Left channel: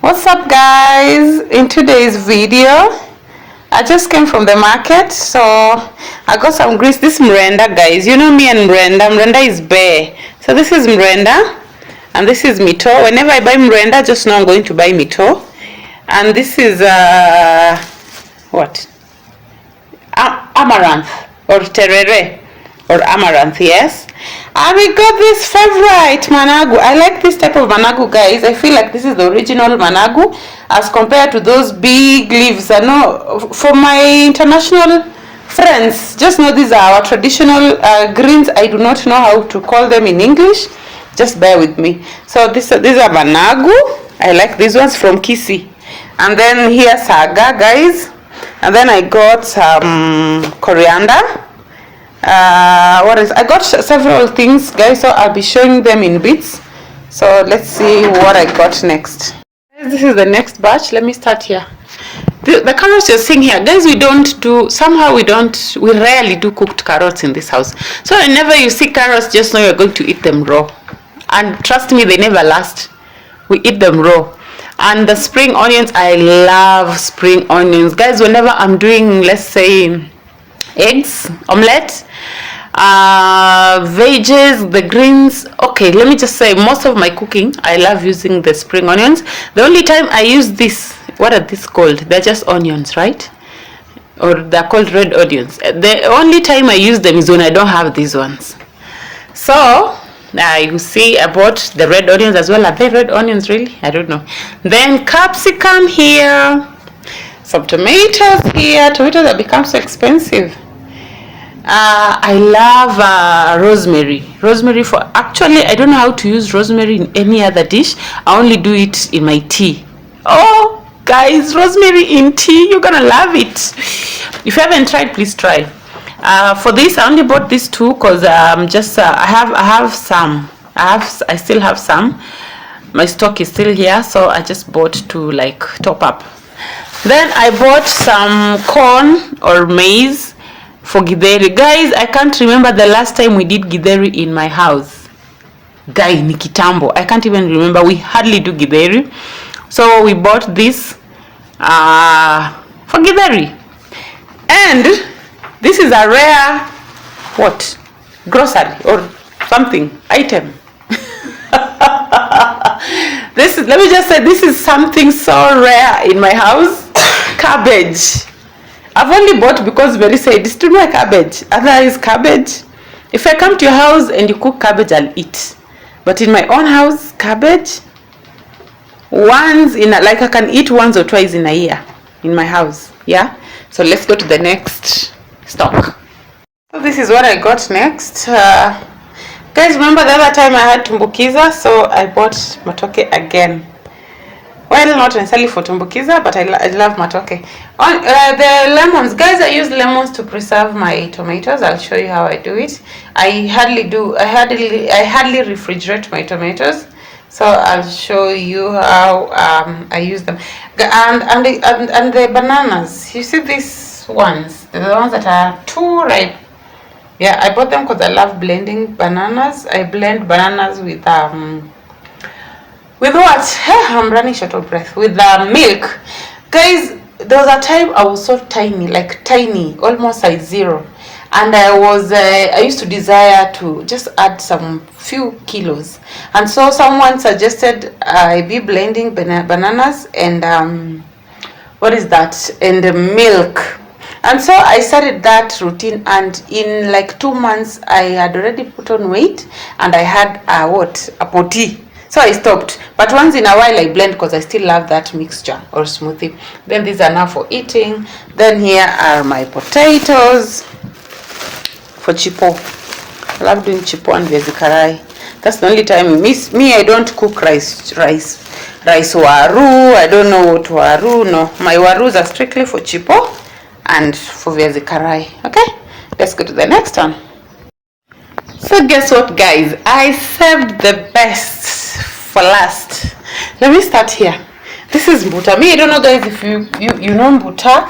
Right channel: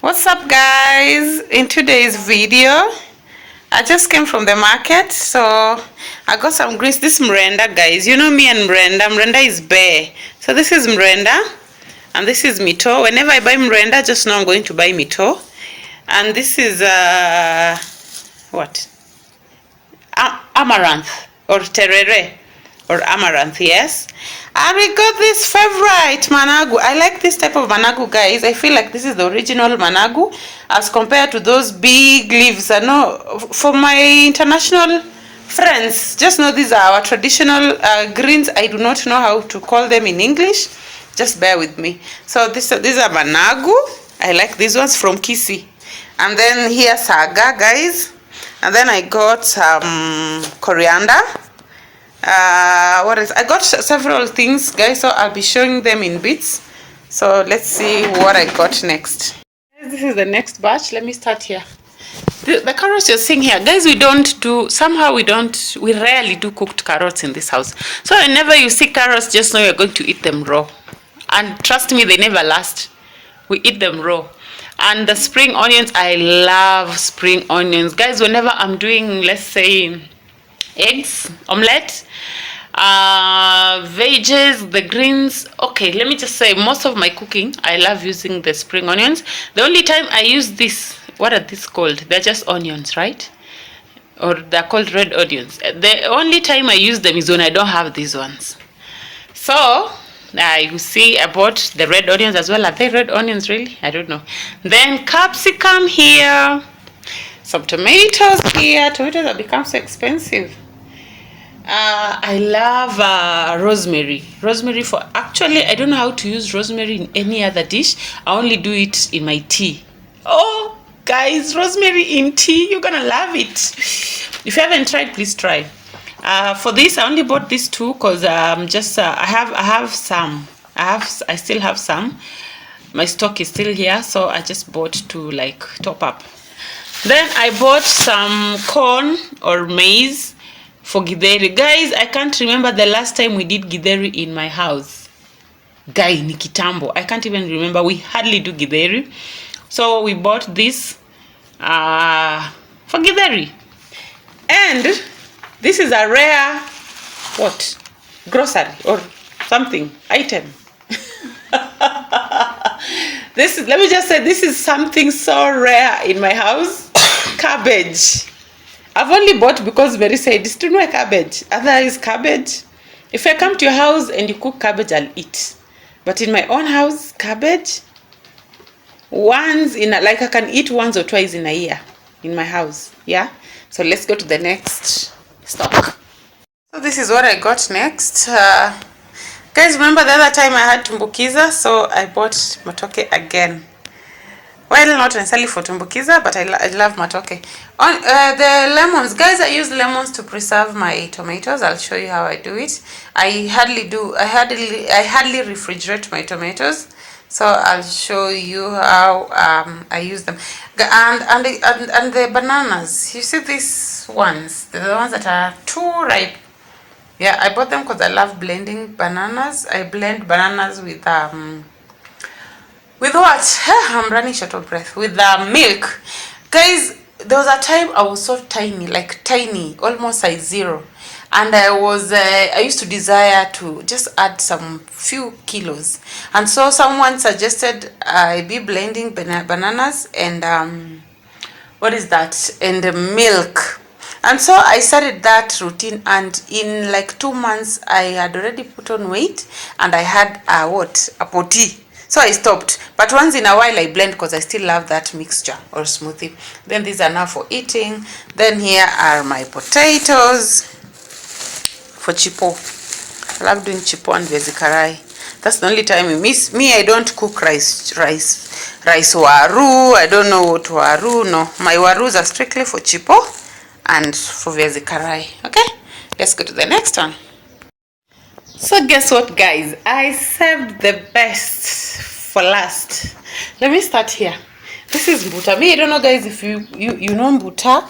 What's up, guys? In today's video, I just came from the market, so I got some greens. This mrenda, guys, you know me and mrenda is bare. So this is mrenda and this is mito. Whenever I buy mrenda, just know I'm going to buy mito. And this is what, amaranth or terere or amaranth, yes. And we got this favorite managu. I like this type of managu, guys. I feel like this is the original managu as compared to those big leaves. I know for my international friends, just know these are our traditional greens. I do not know how to call them in English. Just bear with me. So these are managu. I like these ones from Kisi. And then here saga, guys. And then I got some coriander. I got several things, guys, so I'll be showing them in bits. So let's see what I got next. This is the next batch. Let me start here. The carrots you're seeing here, guys, we rarely do cooked carrots in this house. So whenever you see carrots, just know you're going to eat them raw. And trust me, they never last. We eat them raw. And the spring onions, I love spring onions, guys. Whenever I'm doing, let's say, eggs, omelette, veggies, the greens, okay, let me just say, most of my cooking, I love using the spring onions. The only time I use this, what are these called? They're just onions, right? Or they're called red onions. The only time I use them is when I don't have these ones. So you see, I bought the red onions as well. Are they red onions, really? I don't know. Then capsicum here, some tomatoes here. Tomatoes have become so expensive. I love rosemary. Rosemary actually, I don't know how to use rosemary in any other dish. I only do it in my tea. Oh, guys, rosemary in tea, you're gonna love it. If you haven't tried, please try. For this, I only bought these two because I still have some. My stock is still here, so I just bought to like top up. Then I bought some corn or maize for githeri. Guys, I can't remember the last time we did githeri in my house. Guys, ni kitambo. I can't even remember. We hardly do githeri. So we bought this for githeri. And this is a rare, what? Grocery or something, item. Let me just say, this is something so rare in my house. Cabbage. I've only bought because Mary said, it's too much cabbage. Otherwise, cabbage. If I come to your house and you cook cabbage, I'll eat. But in my own house, cabbage, I can eat once or twice in a year in my house. Yeah? So let's go to the next stock. So this is what I got next. Guys, remember the other time I had tumbukiza, so I bought matoke again. Well, not necessarily for tumbukiza, but I love matoke. The lemons, guys, I use lemons to preserve my tomatoes. I'll show you how I do it. I hardly refrigerate my tomatoes, so I'll show you how I use them. And the bananas, you see these ones, the ones that are too ripe. Yeah, I bought them because I love blending bananas. I blend bananas with what? I'm running short of breath. With milk. Guys, there was a time I was so tiny, like tiny, almost size 0. And I used to desire to just add some few kilos. And so someone suggested I be blending bananas and what is that? And milk. And so I started that routine, and in like 2 months I had already put on weight, and I had a potty. So I stopped. But once in a while I blend because I still love that mixture or smoothie. Then these are now for eating. Then here are my potatoes for chipo. I love doing chipo and viazi karai. That's the only time you miss me. I don't cook rice waru. I don't know what waru. No, my warus are strictly for chipo and for viazi karai. Okay, let's go to the next one. So guess what, guys? I saved the best for last. Let me start here. This is mbuta. Me, I don't know, guys, if you know mbuta.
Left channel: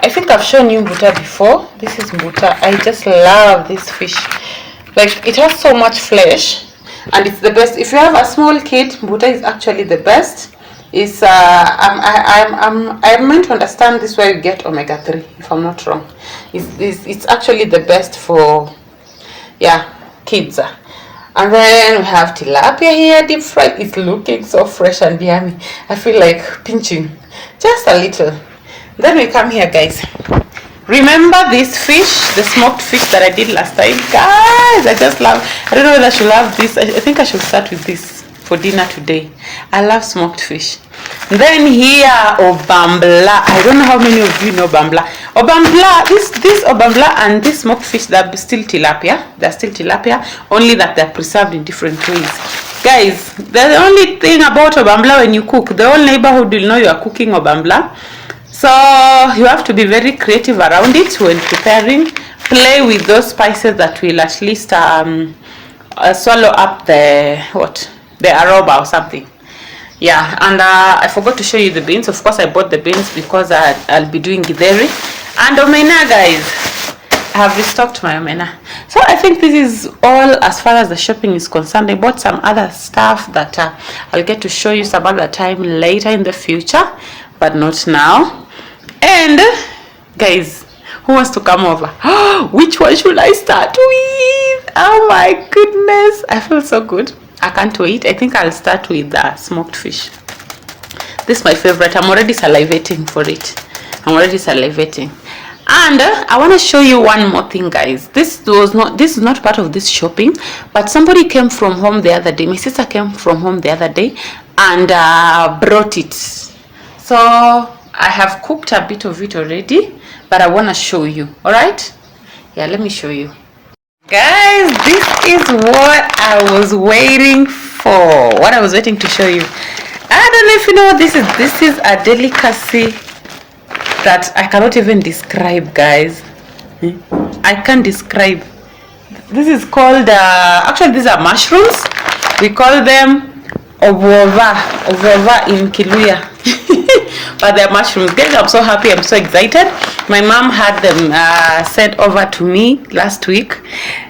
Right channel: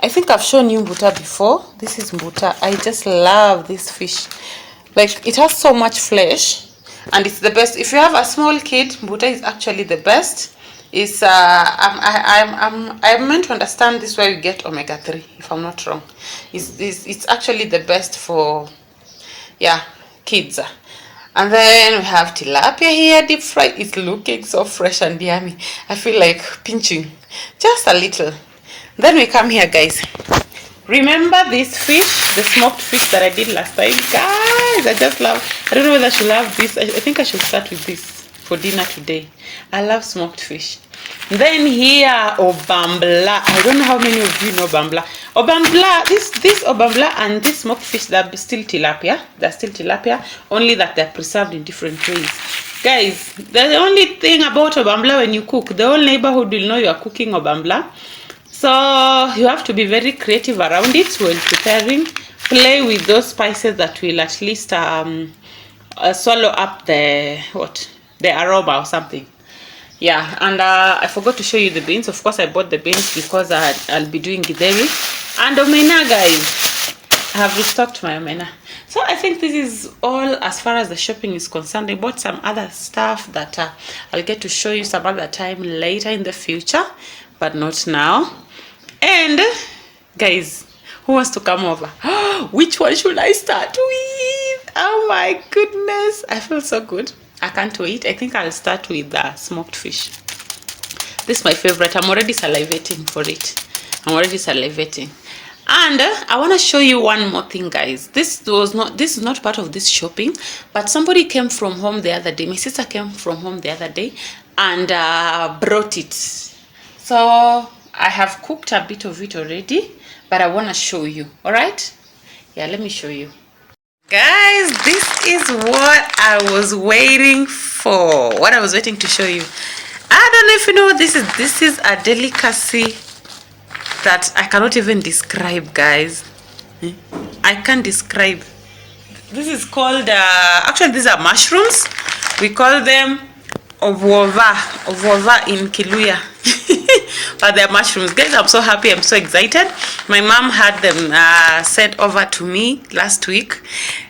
I think I've shown you mbuta before. This is mbuta. I just love this fish. Like, it has so much flesh, and it's the best. If you have a small kid, mbuta is actually the best. It's I'm meant to understand this where you get omega-3, if I'm not wrong. It's actually the best for, yeah, kids. And then we have tilapia here, deep fried. It's looking so fresh and yummy. I feel like pinching just a little. Then we come here, guys. Remember this fish, the smoked fish that I did last time? Guys, I just love, I don't know whether I should love this. I think I should start with this for dinner today. I love smoked fish. Then here, obambla. I don't know how many of you know obambla. Obambla, this obambla and this smoked fish, they're still tilapia. They're still tilapia, only that they're preserved in different ways. Guys, the only thing about obambla when you cook, the whole neighborhood will know you are cooking obambla. So you have to be very creative around it when preparing. Play with those spices that will at least swallow up the aroma or something. Yeah, and I forgot to show you the beans. Of course, I bought the beans because I'll be doing githeri. And omena, guys. I have restocked my omena. So I think this is all as far as the shopping is concerned. I bought some other stuff that I'll get to show you some other time later in the future, but not now. And guys, who wants to come over? Which one should I start with? Oh my goodness, I feel so good. I can't wait. I think I'll start with the smoked fish. This is my favorite. I'm already salivating for it. I'm already salivating. And I want to show you one more thing, guys. This is not part of this shopping, but somebody came from home the other day. My sister came from home the other day and brought it. So I have cooked a bit of it already, but I want to show you. All right? Yeah, let me show you. Guys, this is what I was waiting for. What I was waiting to show you. I don't know if you know what this is. This is a delicacy that I cannot even describe, guys. I can't describe. This is called, actually these are mushrooms. We call them obova in Kiluya. But they're mushrooms. Guys, I'm so happy. I'm so excited. My mom had them sent over to me last week.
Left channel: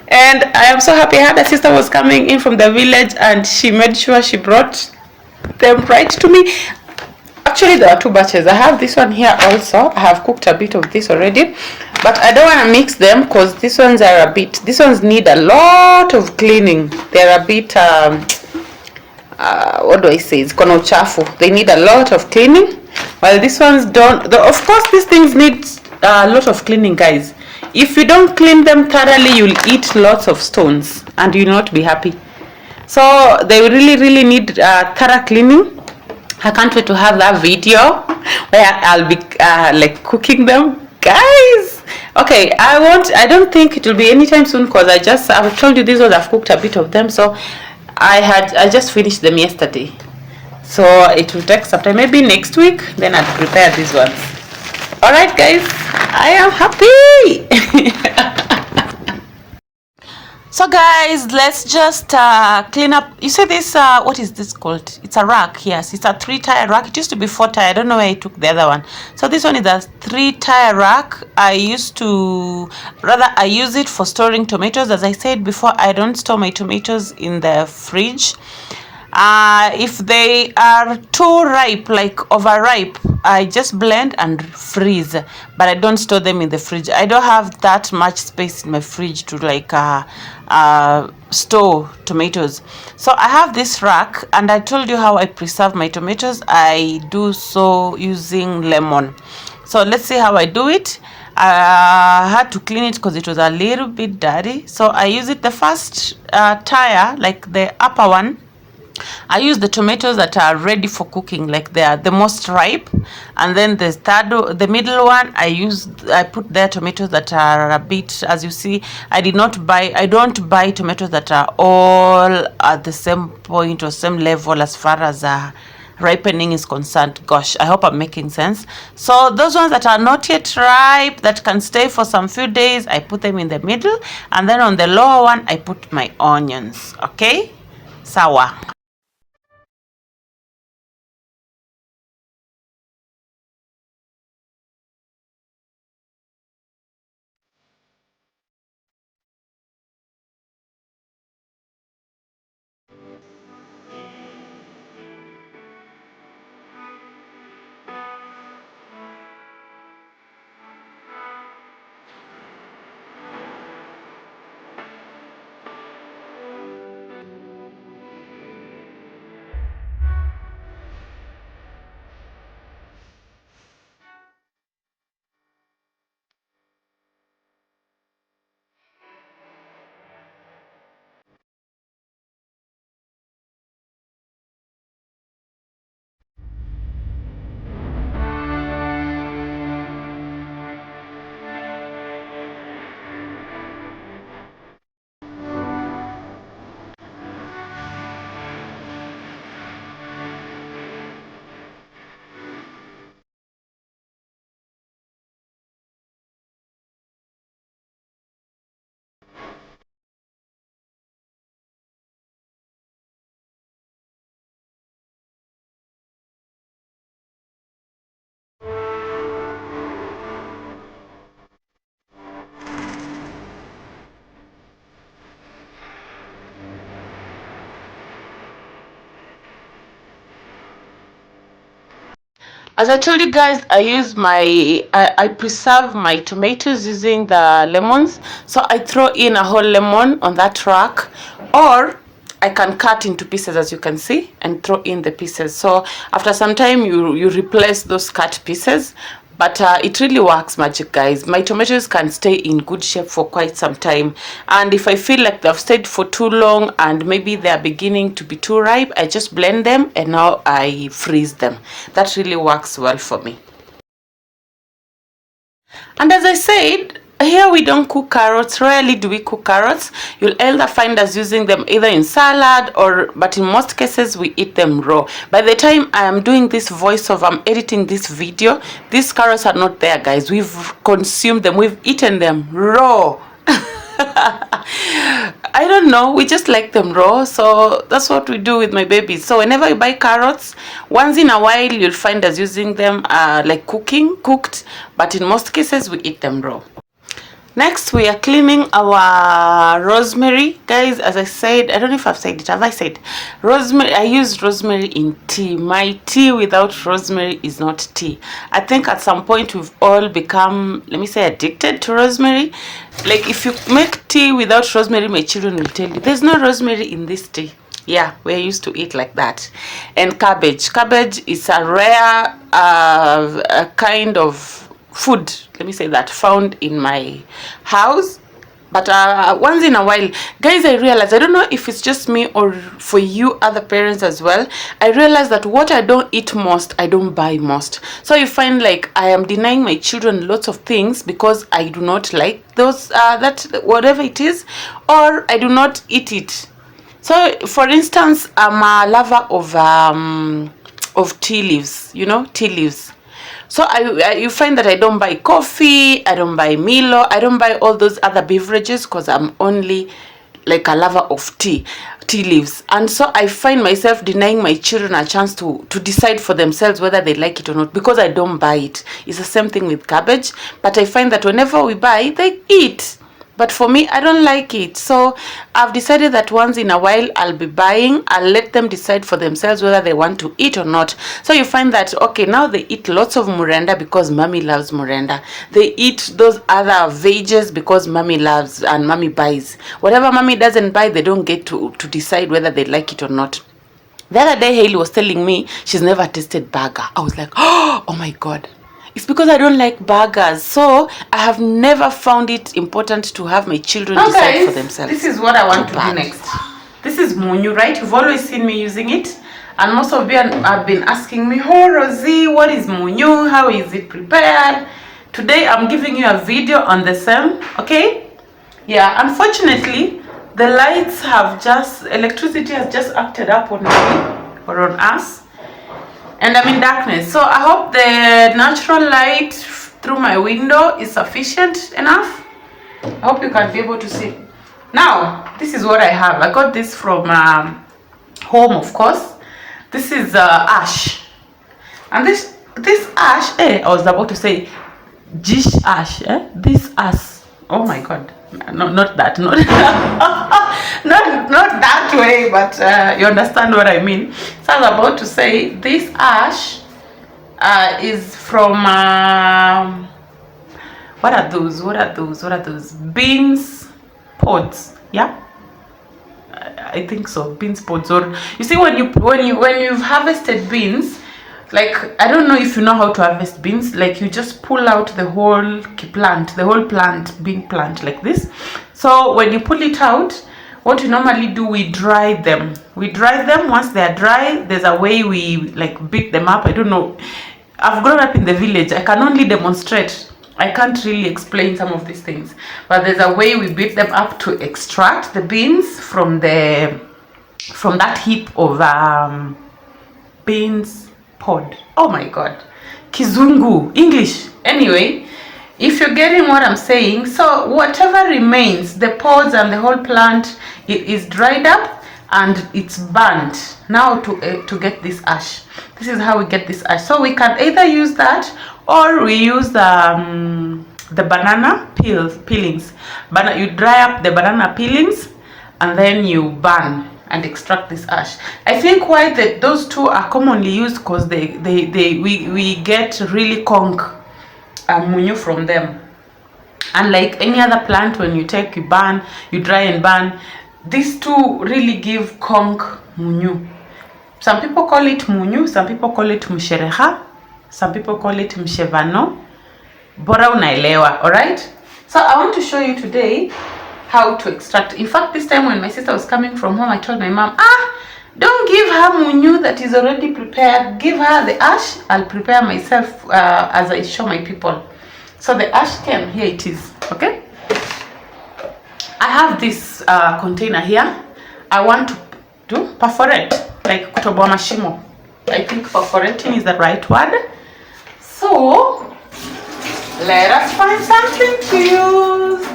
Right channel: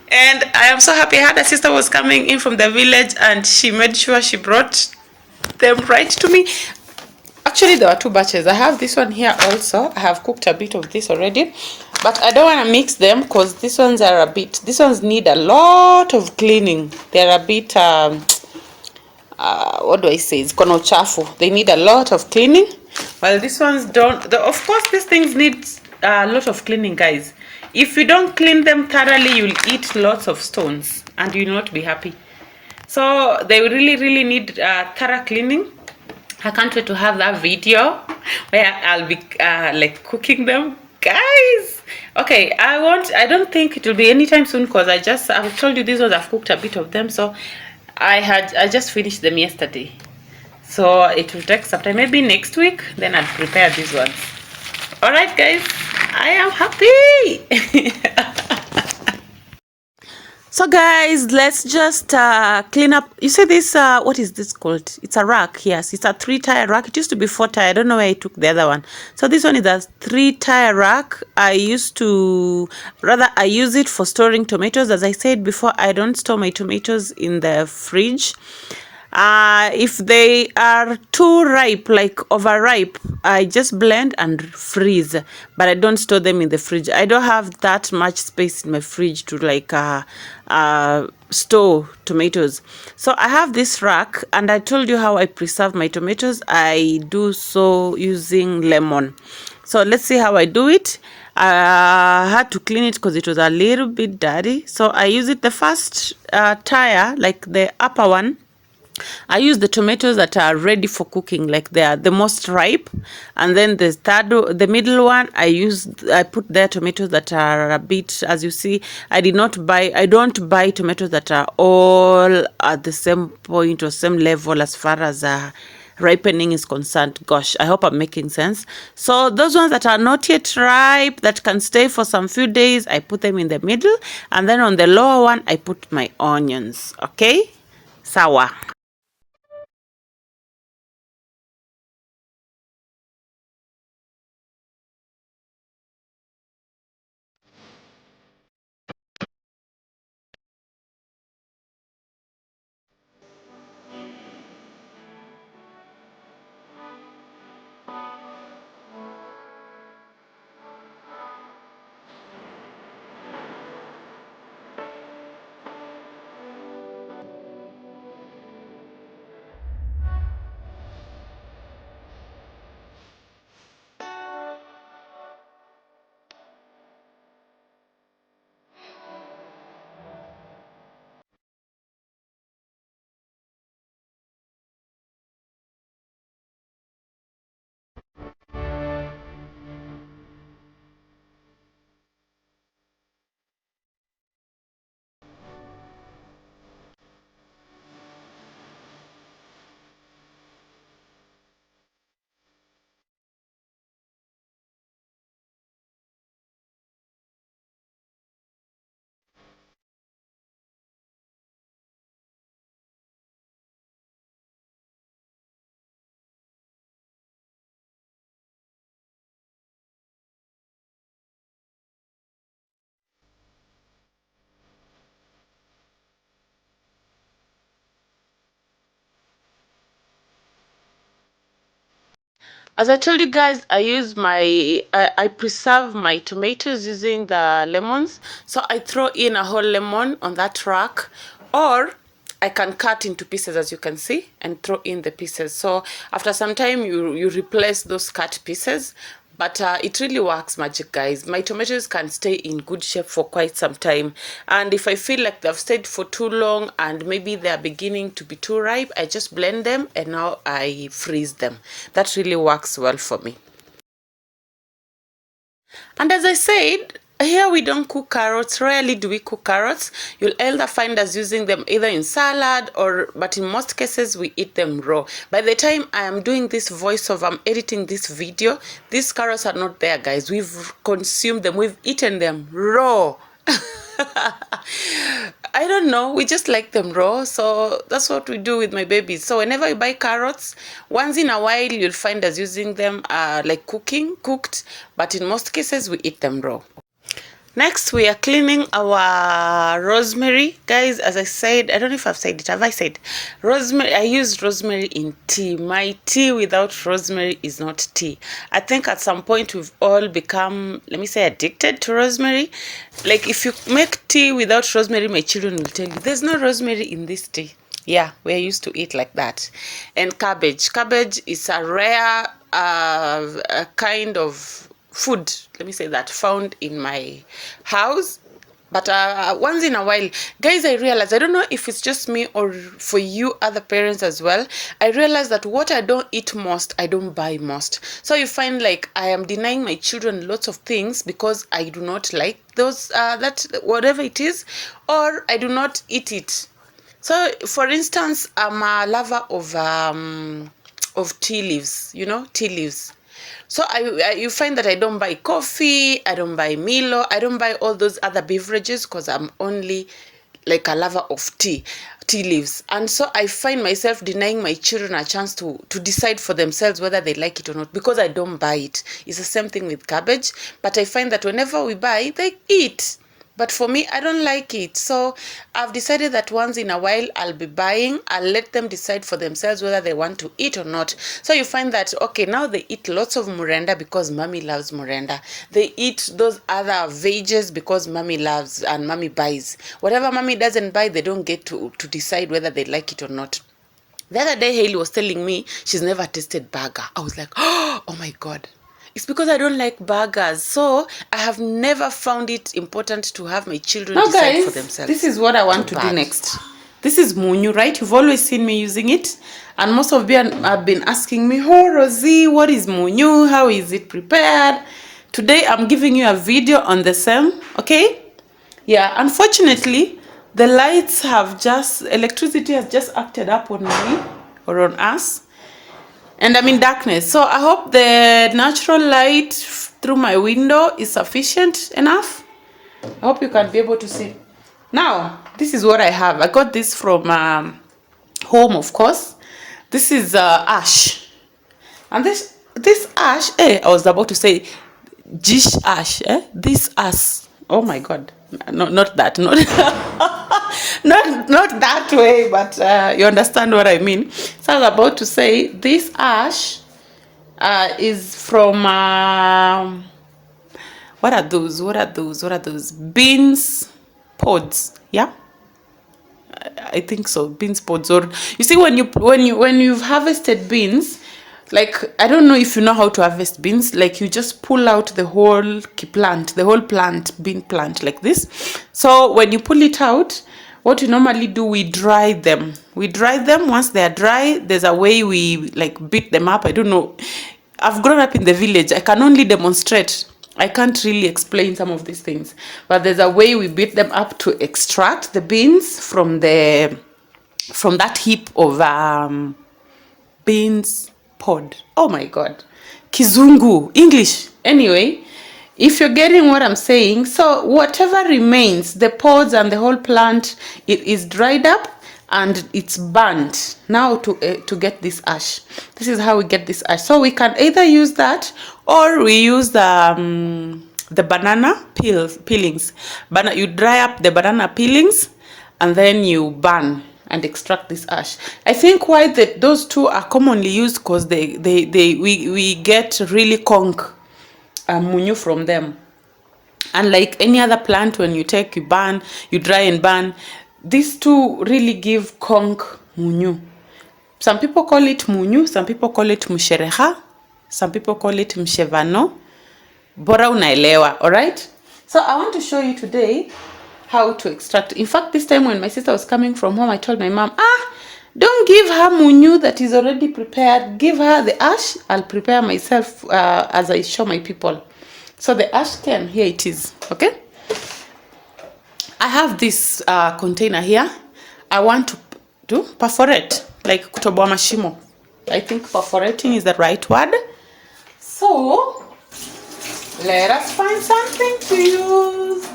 And I am so happy. I had a sister was coming in from the village and she made sure she brought them right to me. Actually, there are two batches. I have this one here also. I have cooked a bit of this already. But I don't want to mix them because these ones are a bit, these ones need a lot of cleaning. They're a bit, what do I say? It's kono chafu. They need a lot of cleaning. While these ones don't. Of course, these things need a lot of cleaning, guys. If you don't clean them thoroughly, you'll eat lots of stones and you'll not be happy. So they really need thorough cleaning. I can't wait to have that video where I'll be like cooking them, guys. Okay, I don't think it will be anytime soon because I've told you these ones, I've cooked a bit of them. So I just finished them yesterday. So it will take some time, maybe next week, then I'll prepare these ones. Alright, guys, I am happy. So guys, let's just clean up. You see this, what is this called? It's a rack. Yes, it's a 3-tire rack. It used to be 4-tire. I don't know where I took the other one. So this one is a 3-tire rack. I use it for storing tomatoes. As I said before, I don't store my tomatoes in the fridge. If they are too ripe, like overripe, I just blend and freeze, but I don't store them in the fridge. I don't have that much space in my fridge to like store tomatoes. So I have this rack, and I told you how I preserve my tomatoes. I do so using lemon. So let's see how I do it. I had to clean it because it was a little bit dirty. So I use it, the first tire, like the upper one, I use the tomatoes that are ready for cooking, like they are the most ripe. And then the middle one, I put their tomatoes that are a bit, as you see, I don't buy tomatoes that are all at the same point or same level as far as ripening is concerned. Gosh, I hope I'm making sense. So those ones that are not yet ripe, that can stay for some few days, I put them in the middle. And then on the lower one, I put my onions. Okay? Sawa. As I told you guys, I preserve my tomatoes using the lemons. So I throw in a whole lemon on that rack, or I can cut into pieces, as you can see, and throw in the pieces. So after some time, you replace those cut pieces. But it really works magic, guys. My tomatoes can stay in good shape for quite some time. And if I feel like they've stayed for too long and maybe they're beginning to be too ripe, I just blend them and now I freeze them. That really works well for me. And as I said, here we don't cook carrots. Rarely do we cook carrots. You'll either find us using them either in salad but in most cases we eat them raw. By the time I am doing this voiceover, I'm editing this video, these carrots are not there, guys. We've consumed them, we've eaten them raw. I don't know, we just like them raw, so that's what we do with my babies. So whenever you buy carrots, once in a while you'll find us using them like cooked, but in most cases we eat them raw. Next, we are cleaning our rosemary. Guys, as I said, I don't know if I've said it. Have I said? Rosemary, I use rosemary in tea. My tea without rosemary is not tea. I think at some point we've all become, let me say, addicted to rosemary. Like if you make tea without rosemary, my children will tell you, there's no rosemary in this tea. Yeah, we're used to eat like that. And cabbage. Cabbage is a rare kind of food, let me say that, found in my house. But once in a while, guys, I realize, I don't know if it's just me or for you other parents as well, I realize that what I don't eat most, I don't buy most. So you find like I am denying my children lots of things because I do not like those, that whatever it is, or I do not eat it. So for instance, I'm a lover of tea leaves, you know, tea leaves. So you find that I don't buy coffee, I don't buy Milo, I don't buy all those other beverages because I'm only like a lover of tea leaves. And so I find myself denying my children a chance to decide for themselves whether they like it or not because I don't buy it. It's the same thing with cabbage, but I find that whenever we buy, they eat. But for me, I don't like it. So I've decided that once in a while I'll be buying. I'll let them decide for themselves whether they want to eat or not. So you find that, okay, now they eat lots of murenda because mommy loves murenda. They eat those other veggies because mommy loves and mommy buys. Whatever mommy doesn't buy, they don't get to decide whether they like it or not. The other day, Hailey was telling me she's never tasted burger. I was like, oh my God. It's because I don't like burgers. So I have never found it important to have my children decide guys, for themselves. This is what I want to do next. This is Munyu, right? You've always seen me using it. And most of you have been asking me, oh, Rosie, what is Munyu? How is it prepared? Today, I'm giving you a video on the same, okay? Yeah, unfortunately, the lights have electricity has just acted up on me or on us. And I'm in darkness, so I hope the natural light through my window is sufficient enough. I hope you can be able to see. Now, this is what I have. I got this from home, of course. This is ash. And this ash, I was about to say dish ash, this ash. Oh my God. No, not that. Not not that way, but you understand what I mean. So I was about to say this ash is from what are those beans pods? Yeah, I think so. Beans pods, or you see when you've harvested beans, like I don't know if you know how to harvest beans, like you just pull out the whole bean plant like this. So when you pull it out, what we normally do, we dry them. Once they are dry, there's a way we like beat them up. I don't know. I've grown up in the village. I can only demonstrate. I can't really explain some of these things. But there's a way we beat them up to extract the beans from that heap of beans pod. Oh my God. Kizungu. English. Anyway. If you're getting what I'm saying, so whatever remains, the pods and the whole plant, it is dried up and it's burnt. Now to get this ash. This is how we get this ash. So we can either use that or we use the banana peelings. You dry up the banana peelings and then you burn. and extract this ash. I think why those two are commonly used because we get really conch munyu from them. And like any other plant, when you take, you burn, you dry and burn, these two really give conch munyu. Some people call it munyu, some people call it musherekha, some people call it mshevano. Bora unaelewa, alright? So I want to show you today how to extract. In fact, this time when my sister was coming from home, I told my mom, don't give her munyu that is already prepared. Give her the ash. I'll prepare myself as I show my people. So the ash can, here it is, okay? I have this container here. I want to perforate, like kutoboa mashimo. I think perforating is the right word. So let us find something to use.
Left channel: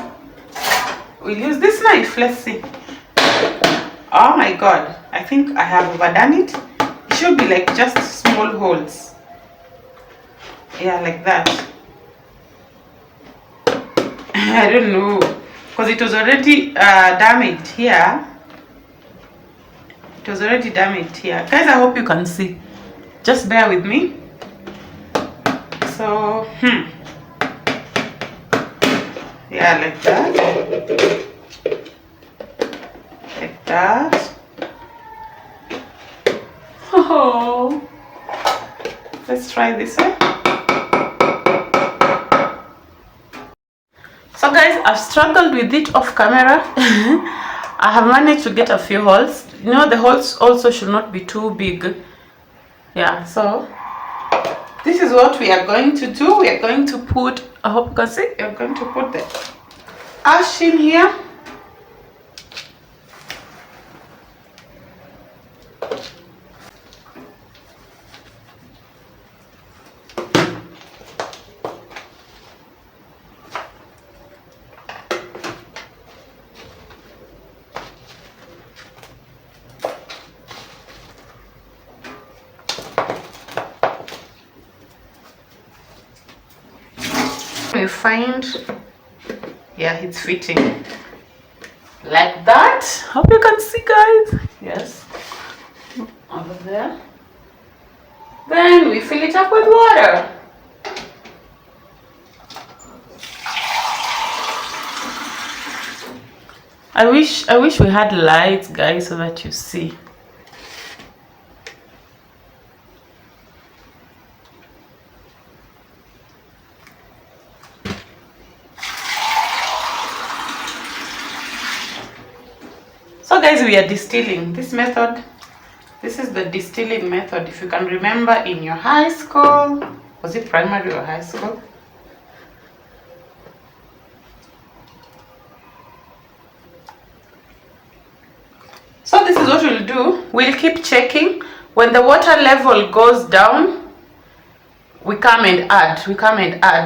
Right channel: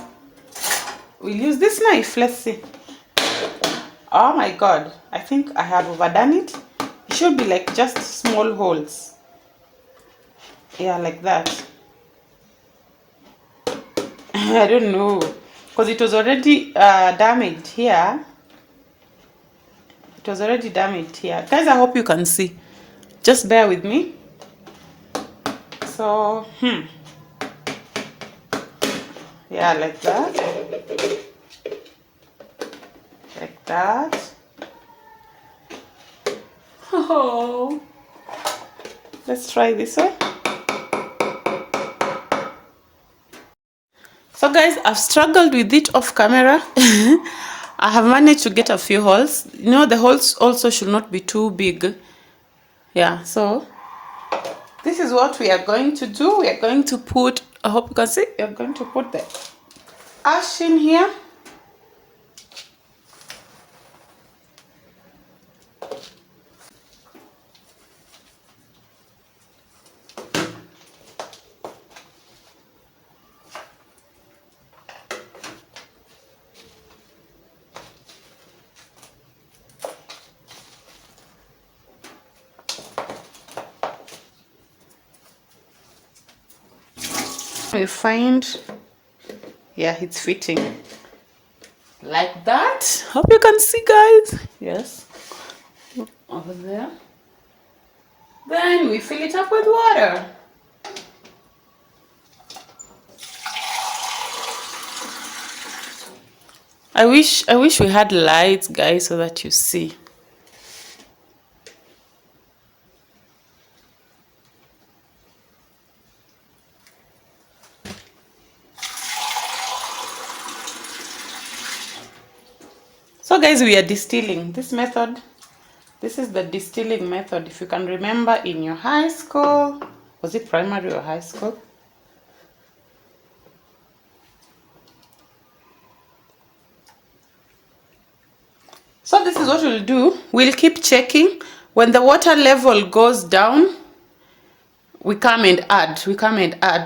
We'll use this knife. Let's see. Oh my god, I think I have overdone it. It should be like just small holes. Yeah, like that. I don't know, because it was already damaged here. It was already damaged here. Guys, I hope you can see. Just bear with me. So, yeah, like that. Like that. Oh, let's try this way. So guys, I've struggled with it off camera. I have managed to get a few holes. You know, the holes also should not be too big. Yeah, so this is what we are going to do. We are going to put, I hope you can see, we are going to put the ash in here. We find, yeah, it's fitting like that. Hope you can see, guys. Yes, over there. Then we fill it up with water. I wish we had lights, guys, so that you see. So guys, we are distilling. This method, this is the distilling method. If you can remember in your high school, was it primary or high school? So this is what we'll do. We'll keep checking. When the water level goes down, we come and add.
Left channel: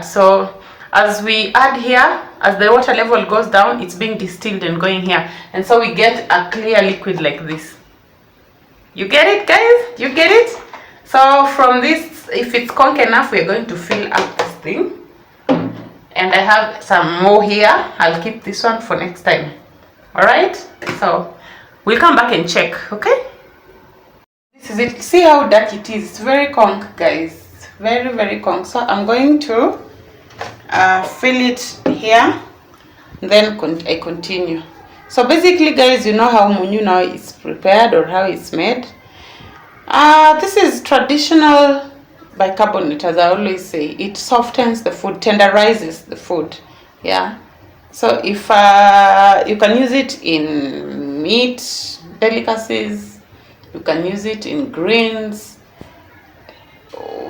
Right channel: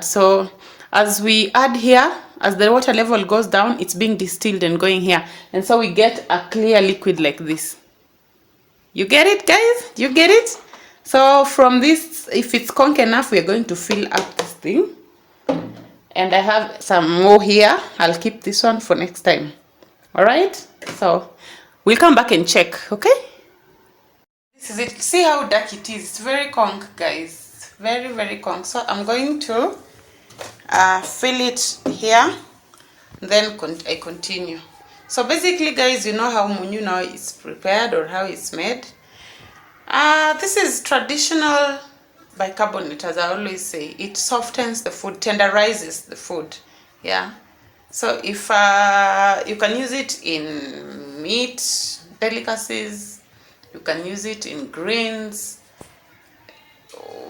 So as we add here, as the water level goes down, it's being distilled and going here. And so we get a clear liquid like this. You get it, guys? You get it? So from this, if it's conch enough, we're going to fill up this thing. And I have some more here. I'll keep this one for next time. All right? So we'll come back and check, okay? This is it. See how dark it is. It's very conch, guys. Very, very conch. So I'm going to fill it here, then I continue. So basically, guys, you know how munyu now is prepared or how it's made. This is traditional bicarbonate, as I always say. It softens the food, tenderizes the food. Yeah. So if you can use it in meat delicacies, you can use it in greens,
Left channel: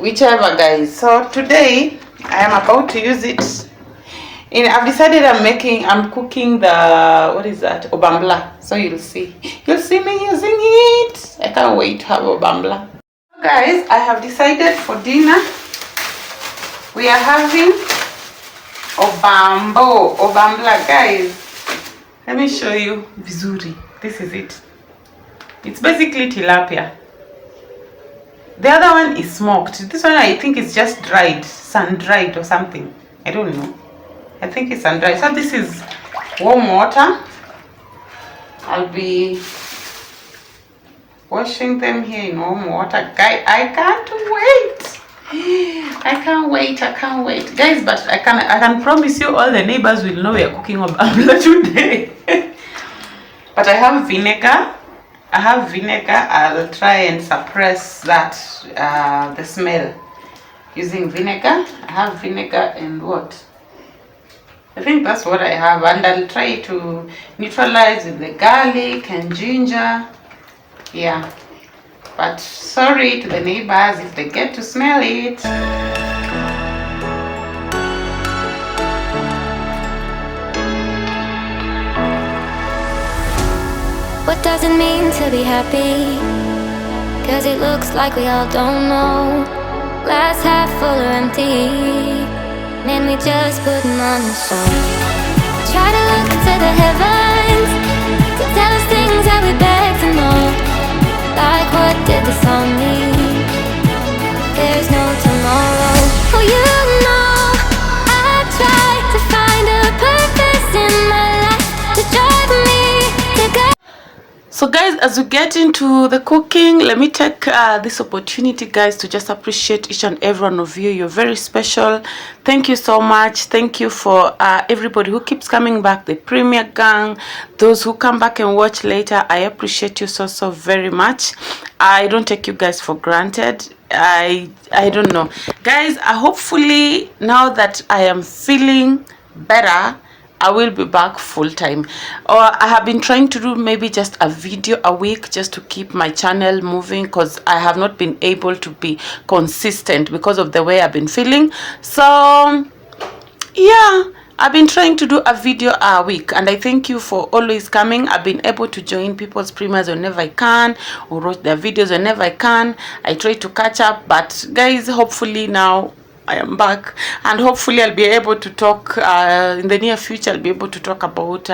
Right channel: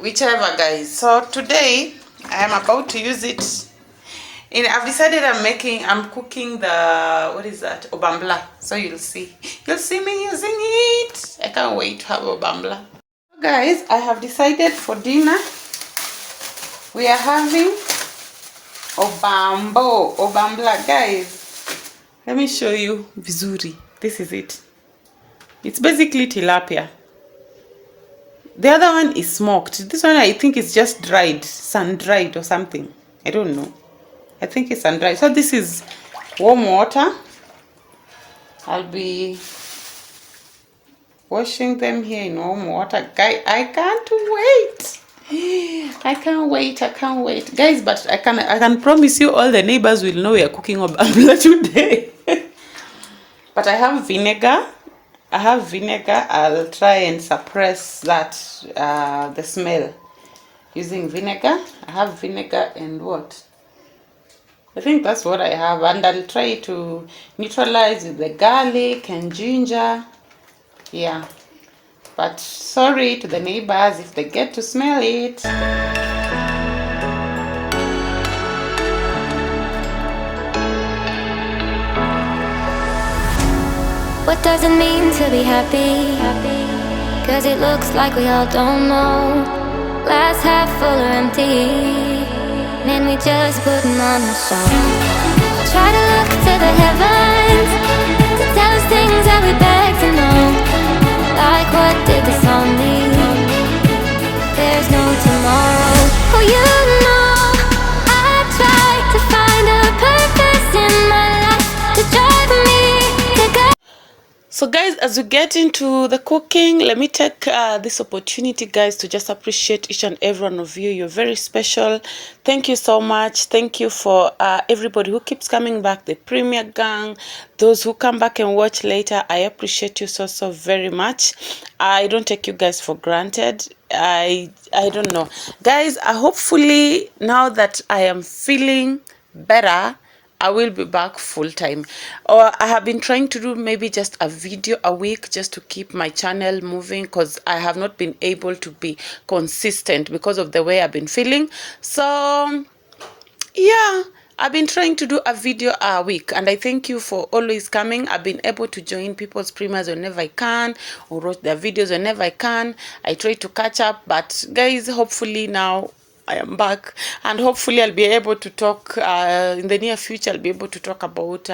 whichever, guys. So today I am about to use it I've decided I'm cooking the, what is that, obambla. So you'll see me using it. I can't wait to have obambla. So guys, I have decided for dinner we are having obambla, guys. Let me show you vizuri. This is it. It's basically tilapia. The other one is smoked. This one I think is just dried, sun-dried or something. I don't know. I think it's sun-dried. So this is warm water. I'll be washing them here in warm water. Guys, I can't wait. I can't wait, guys. But I can promise you, all the neighbors will know we are cooking obambla today. But I have vinegar. I'll try and suppress that the smell using vinegar. I have vinegar and what? I think that's what I have, and I'll try to neutralize with the garlic and ginger. Yeah. But sorry to the neighbors if they get to smell it. What does it mean to be happy? 'Cause it looks like we all don't know. Glass half full or empty. Man, we just put them on the show. Try to look to the heavens to tell us things that we beg to know. Like what did this all mean? There's no tomorrow. Oh, you know I try to find a purpose in my life to drive me to go. So guys, as we get into the cooking, let me take this opportunity, guys, to just appreciate each and every one of you. You're very special. Thank you so much. Thank you for everybody who keeps coming back, the Premier Gang, those who come back and watch later. I appreciate you so very much. I don't take you guys for granted. I don't know, guys. Hopefully now that I am feeling better, I will be back full time. Or I have been trying to do maybe just a video a week just to keep my channel moving, because I have not been able to be consistent because of the way I've been feeling. So yeah, I've been trying to do a video a week, and I thank you for always coming. I've been able to join people's premieres whenever I can, or watch their videos whenever I can. I try to catch up, but guys, hopefully now I am back, and hopefully I'll be able to talk in the near future. I'll be able to talk about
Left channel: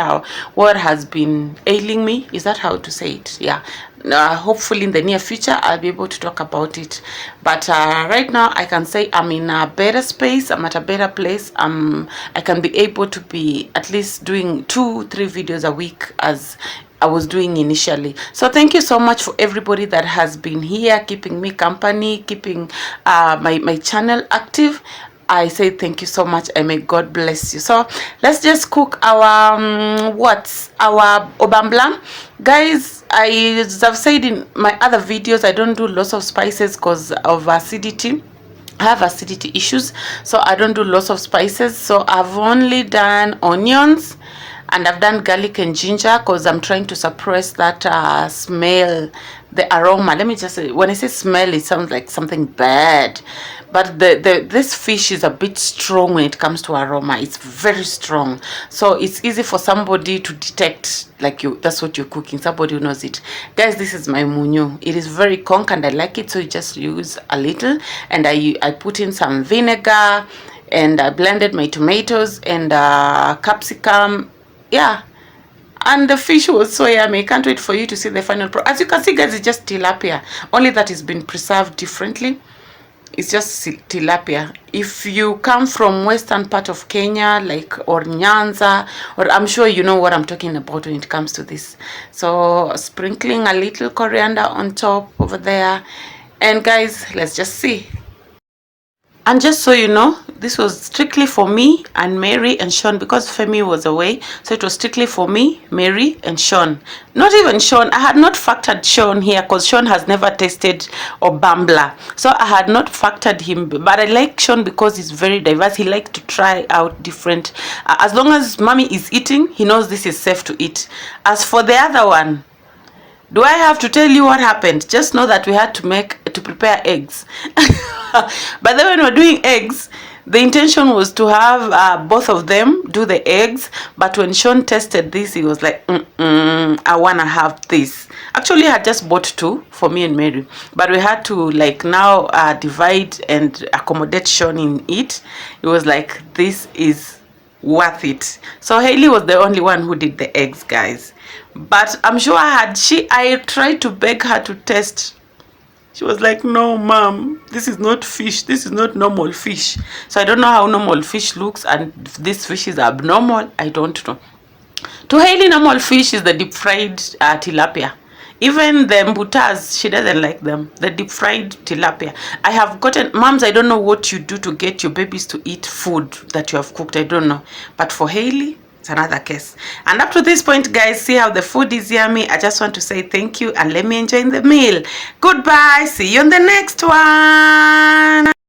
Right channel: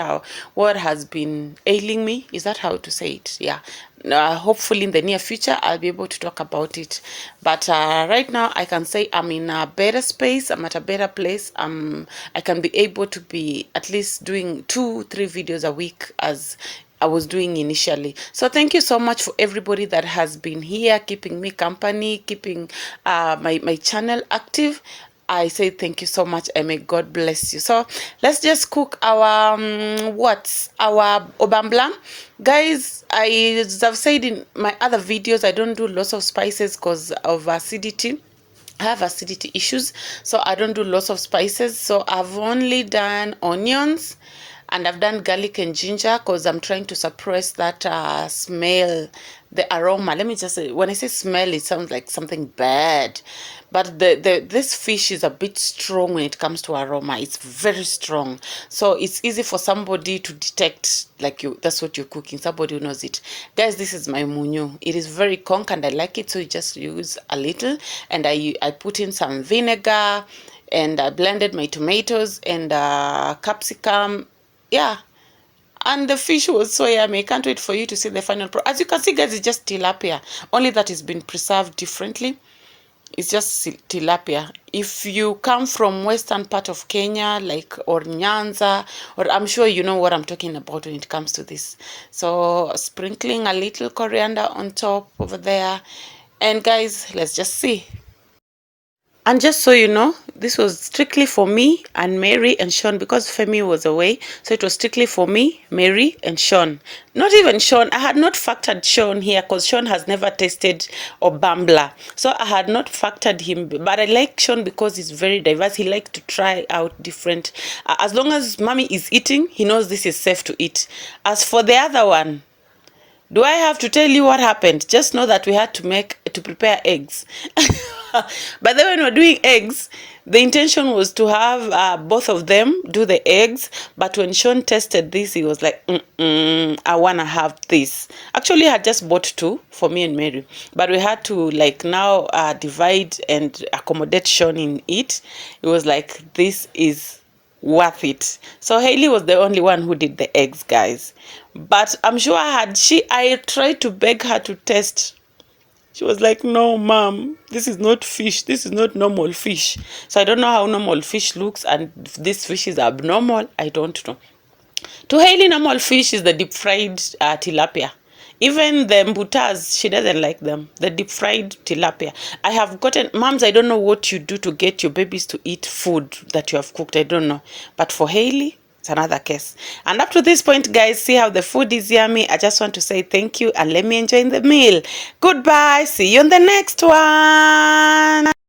what has been ailing me. Is that how to say it? Yeah. Hopefully in the near future I'll be able to talk about it, but right now I can say I'm in a better space. I'm at a better place. I can be able to be at least doing 2-3 videos a week as I was doing initially. So thank you so much for everybody that has been here, keeping me company, keeping my channel active. I say thank you so much, and may God bless you. So let's just cook our our obambla, guys. As I've said in my other videos, I don't do lots of spices because of acidity. I have acidity issues, so I don't do lots of spices. So I've only done onions, and I've done garlic and ginger because I'm trying to suppress that smell, the aroma. Let me just say, when I say smell, it sounds like something bad, but this fish is a bit strong when it comes to aroma. It's very strong, so it's easy for somebody to detect, like that's what you're cooking, somebody who knows it. Guys, this is my munyu. It is very conk and I like it, so you just use a little, and I put in some vinegar, and I blended my tomatoes and capsicum. Yeah, and the fish was so yummy. I can't wait for you to see the final product. As you can see, guys, it's just tilapia, only that it's been preserved differently. It's just tilapia. If you come from western part of Kenya, like, or Nyanza, or I'm sure you know what I'm talking about when it comes to this. So sprinkling a little coriander on top over there, and guys, let's just see. And just so you know, this was strictly for me and Mary and Sean, because Femi was away. So it was strictly for me, Mary, and Sean. Not even Sean. I had not factored Sean here because Sean has never tasted obambla. So I had not factored him. But I like Sean because he's very diverse. He likes to try out different. As long as mommy is eating, he knows this is safe to eat. As for the other one, do I have to tell you what happened? Just know that we had to prepare eggs. But then when we're doing eggs, the intention was to have both of them do the eggs. But when Sean tested this, he was like, I want to have this. Actually, I had just bought 2 for me and Mary. But we had to like now divide and accommodate Sean in it. It was like, this is worth it. So Haley was the only one who did the eggs, guys. But I'm sure I tried to beg her to test. She was like, no, mom, this is not fish. This is not normal fish. So I don't know how normal fish looks, and if this fish is abnormal, I don't know. To Haley, normal fish is the deep fried tilapia. Even the mbutas, she doesn't like them. The deep fried tilapia. I have gotten, moms, I don't know what you do to get your babies to eat food that you have cooked. I don't know. But for Hailey, it's another case. And up to this point, guys, see how the food is yummy. I just want to say thank you and let me enjoy the meal. Goodbye. See you on the next one.